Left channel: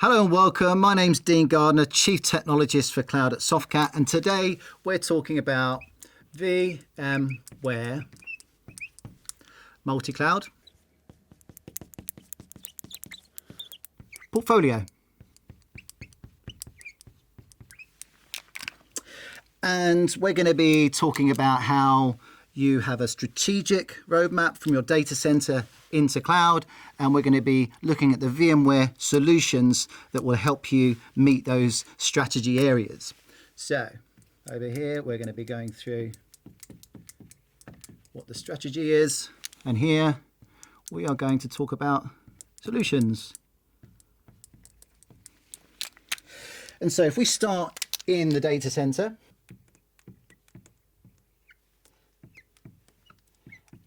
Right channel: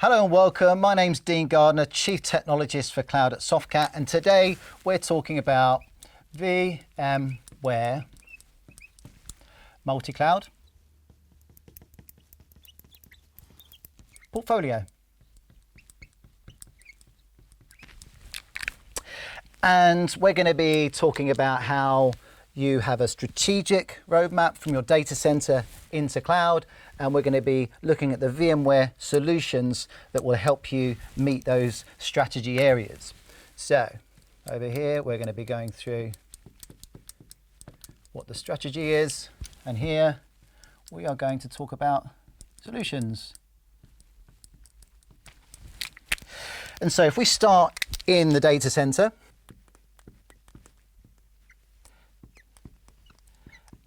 Hello and welcome. My name's Dean Gardner, Chief Technologist for Cloud at Softcat, and today we're talking about VMware multi-cloud portfolio. And we're going to be talking about how you have a strategic roadmap from your data center into cloud, and we're going to be looking at the VMware solutions that will help you meet those strategy areas. So over here, we're going to be going through what the strategy is, and here we are going to talk about solutions. And so if we start in the data center,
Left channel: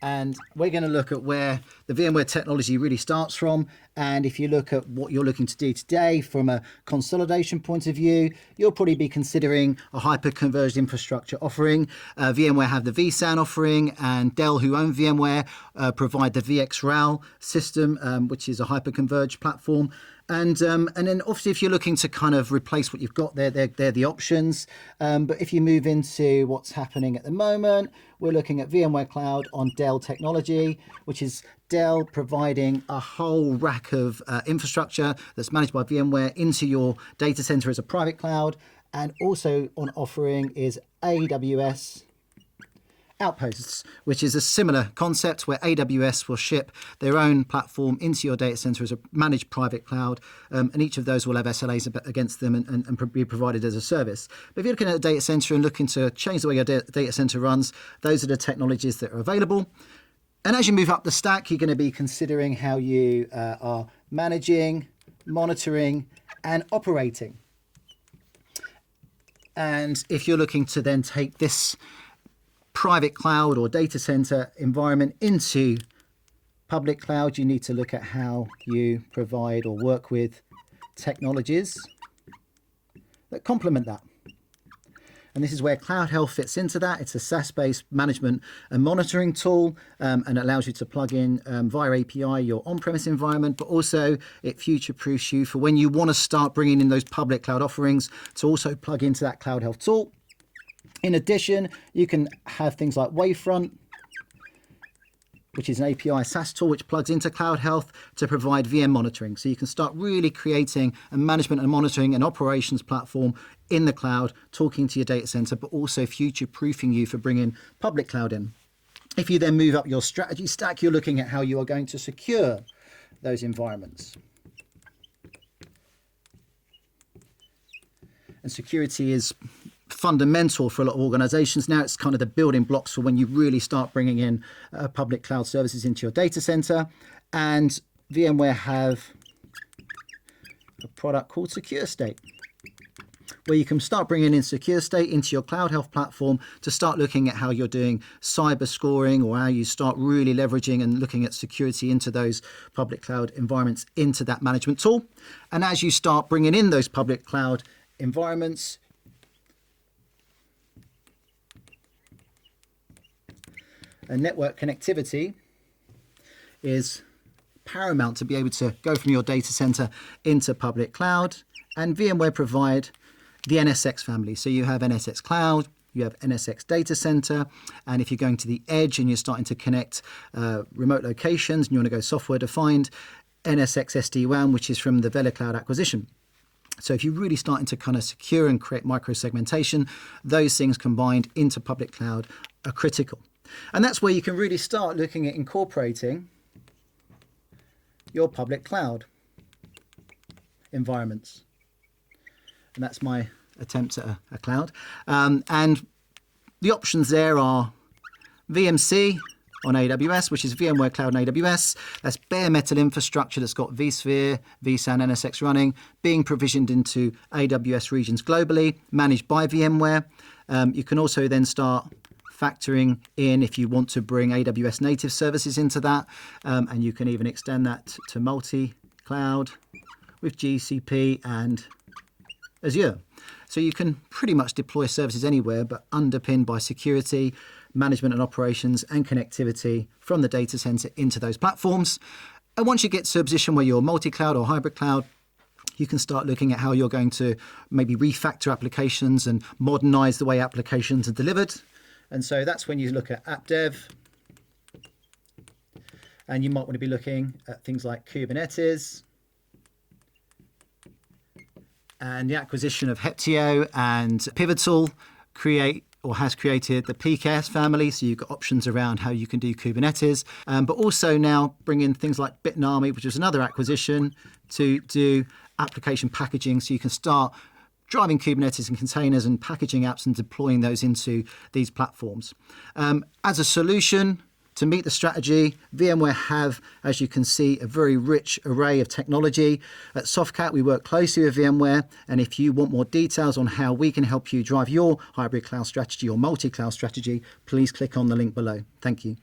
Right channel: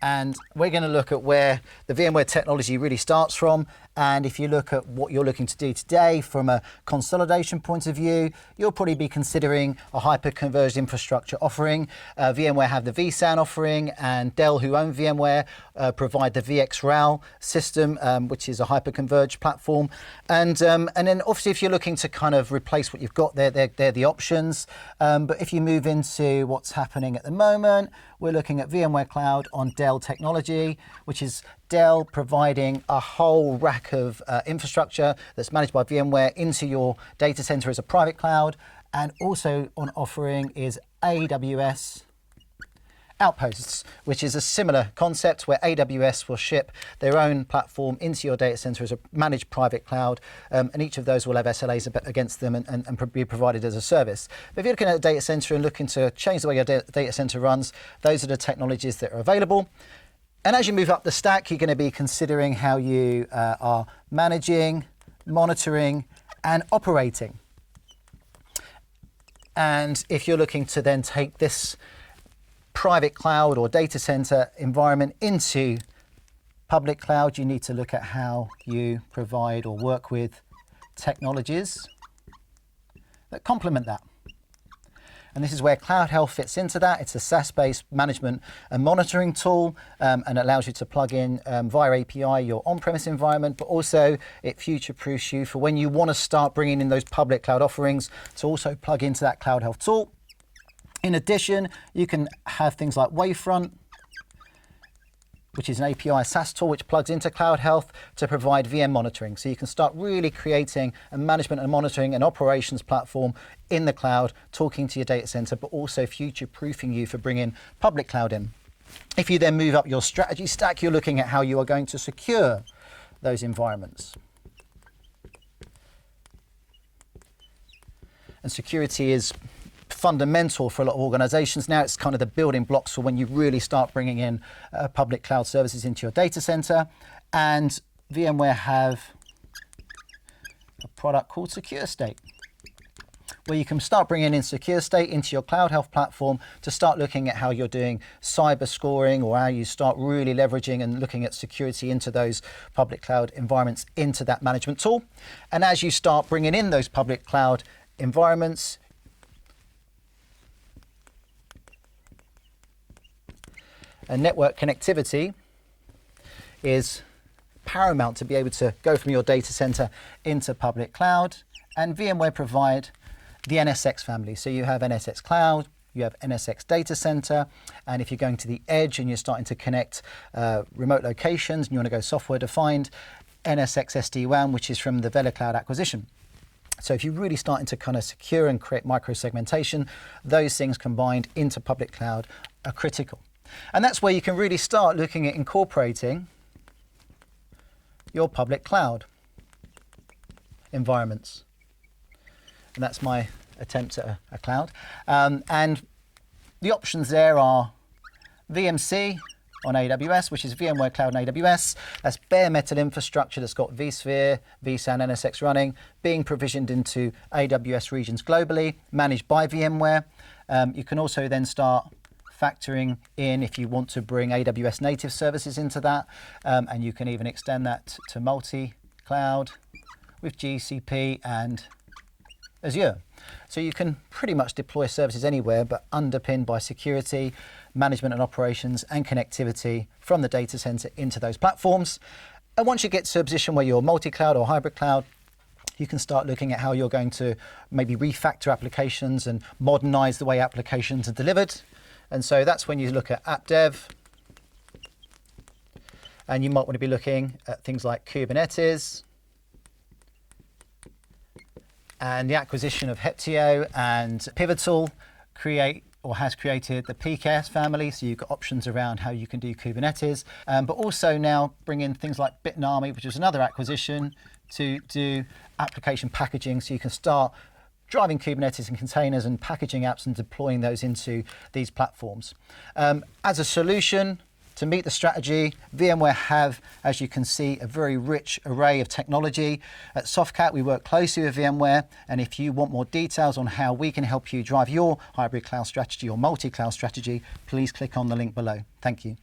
and we're going to look at where the VMware technology really starts from. And if you look at what you're looking to do today from a consolidation point of view, you'll probably be considering a hyper-converged infrastructure offering. VMware have the vSAN offering, and Dell, who own VMware, provide the VxRAL system, which is a hyper-converged platform. And then obviously if you're looking to kind of replace what you've got there, they're the options. But if you move into what's happening at the moment, we're looking at VMware Cloud on Dell technology, which is Dell providing a whole rack of infrastructure that's managed by VMware into your data center as a private cloud. And also on offering is AWS Outposts, which is a similar concept where AWS will ship their own platform into your data center as a managed private cloud, and each of those will have SLAs against them and be provided as a service. But if you're looking at a data center and looking to change the way your data center runs, those are the technologies that are available. And as you move up the stack, you're going to be considering how you are managing, monitoring, and operating. And if you're looking to then take this private cloud or data center environment into public cloud, you need to look at how you provide or work with technologies that complement that. And this is where Cloud Health fits into that. It's a SaaS-based management and monitoring tool, and it allows you to plug in via API your on-premise environment, but also it future-proofs you for when you want to start bringing in those public cloud offerings to also plug into that Cloud Health tool. In addition, you can have things like Wavefront, which is an API SaaS tool which plugs into Cloud Health to provide VM monitoring. So you can start really creating a management and monitoring and operations platform in the cloud, talking to your data center, but also future-proofing you for bringing public cloud in. If you then move up your strategy stack, you're looking at how you are going to secure those environments. And security is fundamental for a lot of organizations. Now it's kind of the building blocks for when you really start bringing in public cloud services into your data center. And VMware have a product called Secure State, where you can start bringing in Secure State into your Cloud Health platform to start looking at how you're doing cyber scoring, or how you start really leveraging and looking at security into those public cloud environments into that management tool. And as you start bringing in those public cloud environments, and network connectivity is paramount to be able to go from your data center into public cloud. And VMware provide the NSX family. So you have NSX Cloud, you have NSX Data Center, and if you're going to the edge and you're starting to connect remote locations and you want to go software defined, NSX SD-WAN, which is from the VeloCloud acquisition. So if you're really starting to kind of secure and create micro-segmentation, those things combined into public cloud are critical. And that's where you can really start looking at incorporating your public cloud environments. And that's my attempt at a cloud. And the options there are VMC on AWS, which is VMware Cloud on AWS. That's bare metal infrastructure that's got vSphere, vSAN, NSX running, being provisioned into AWS regions globally, managed by VMware. You can also then start factoring in if you want to bring AWS native services into that, and you can even extend that to multi-cloud with GCP and Azure. So you can pretty much deploy services anywhere, but underpinned by security, management and operations, and connectivity from the data center into those platforms. And once you get to a position where you're multi-cloud or hybrid cloud, you can start looking at how you're going to maybe refactor applications and modernize the way applications are delivered. And so that's when you look at app dev. And you might want to be looking at things like Kubernetes and the acquisition of Heptio and Pivotal has created the PKS family, so you've got options around how you can do Kubernetes, but also now bring in things like Bitnami, which is another acquisition, to do application packaging, so you can start driving Kubernetes and containers and packaging apps and deploying those into these platforms. As a solution to meet the strategy, VMware have, as you can see, a very rich array of technology. At Softcat, we work closely with VMware, and if you want more details on how we can help you drive your hybrid cloud strategy or multi-cloud strategy, please click on the link below. Thank you.